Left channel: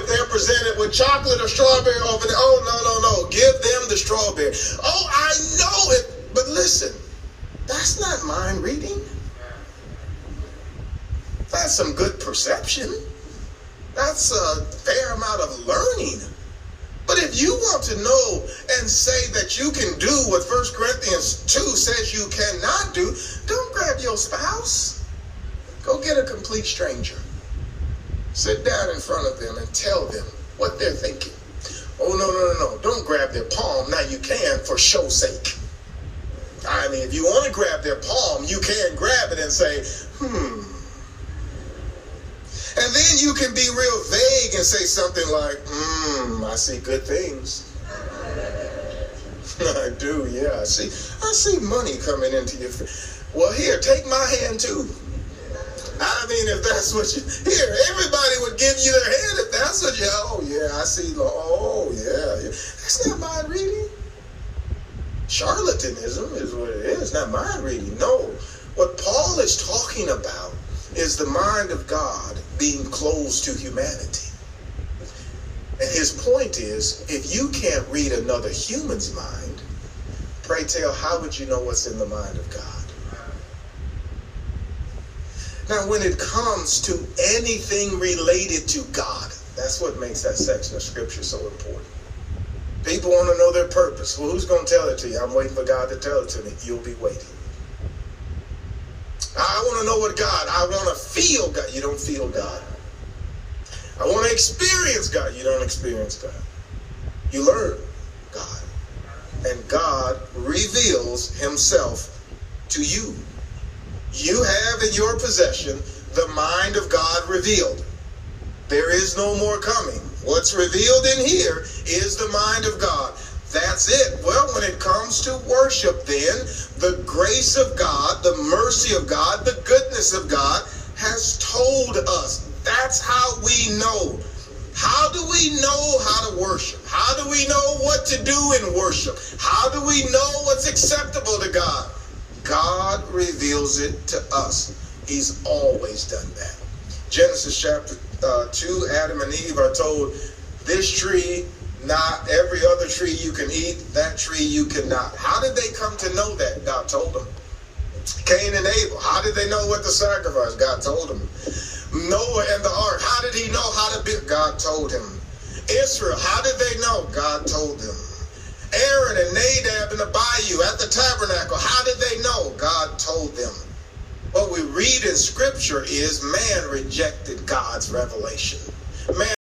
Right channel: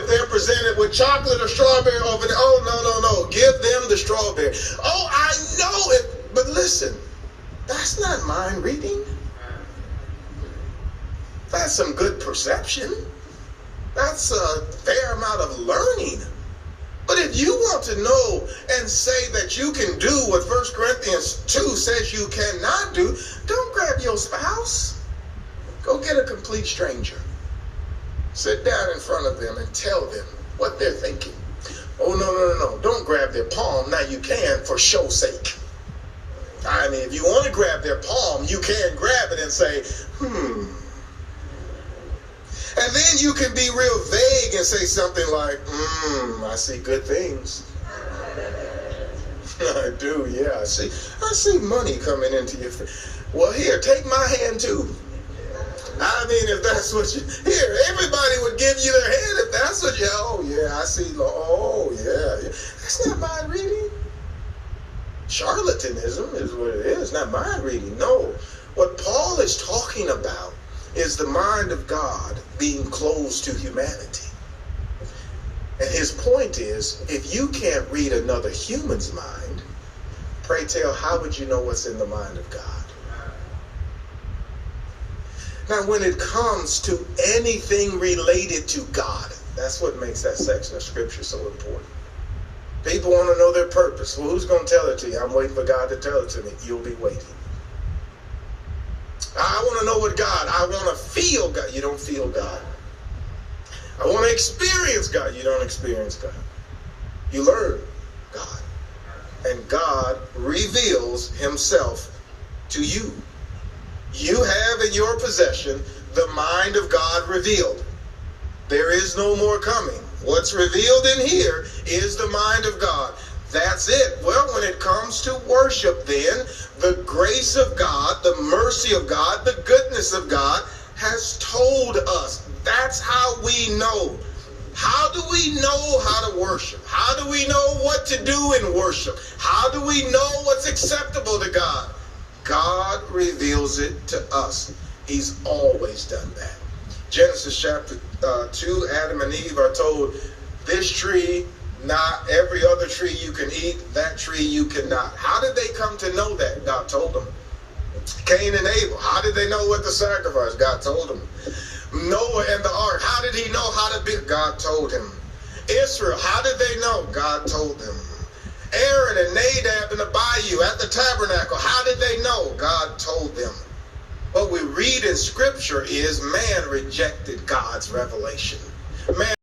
if they're presented with chocolate or strawberry over there, oh, no. Give them the strawberry. Oh, I know it. But listen, that's not mind reading. That's some good perception. That's a fair amount of learning. But if you want to know and say that you can do what 1 Corinthians 2 says you cannot do, don't grab your spouse. Go get a complete stranger. Sit down in front of them and tell them what they're thinking. Oh, no. Don't grab their palm. Now you can for show's sake. I mean, if you want to grab their palm, you can grab it and say, And then you can be real vague and say something like, I see good things. I do, yeah, I see money coming into your face. Well, here, take my hand too. I mean, if that's what you, here, everybody would give you their hand if that's what you, oh yeah, I see, oh yeah. That's not mind reading. Charlatanism is what it is, not mind reading. No, what Paul is talking about is the mind of God being closed to humanity. And his point is, if you can't read another human's mind, pray tell, how would you know what's in the mind of God? Now, when it comes to anything related to God, that's what makes that section of Scripture so important. People want to know their purpose. Well, who's going to tell it to you? I'm waiting for God to tell it to me. You'll be waiting. I want to know what God, I want to feel God. You don't feel God. I want to experience God. You don't experience God. You learn God. And God reveals himself to you. You have in your possession the mind of God revealed. There is no more coming. What's revealed in here is the mind of God. That's it. Well, when it comes to worship then, the grace of God, the mercy of God, the goodness of God has told us. That's how we know. How do we know how to worship? How do we know what to do in worship? How do we know what's acceptable to God? God reveals it to us. He's always done that. Genesis chapter 2, Adam and Eve are told, this tree, not every other tree you can eat, that tree you cannot. How did they come to know that? God told them. Cain and Abel, how did they know what to sacrifice? God told them. Noah and the ark, how did he know how to build? God told him. Israel, how did they know? God told them. Aaron and Nadab in the bayou at the tabernacle, how did they know? God told them. What we read in Scripture is man rejected God's revelation. Man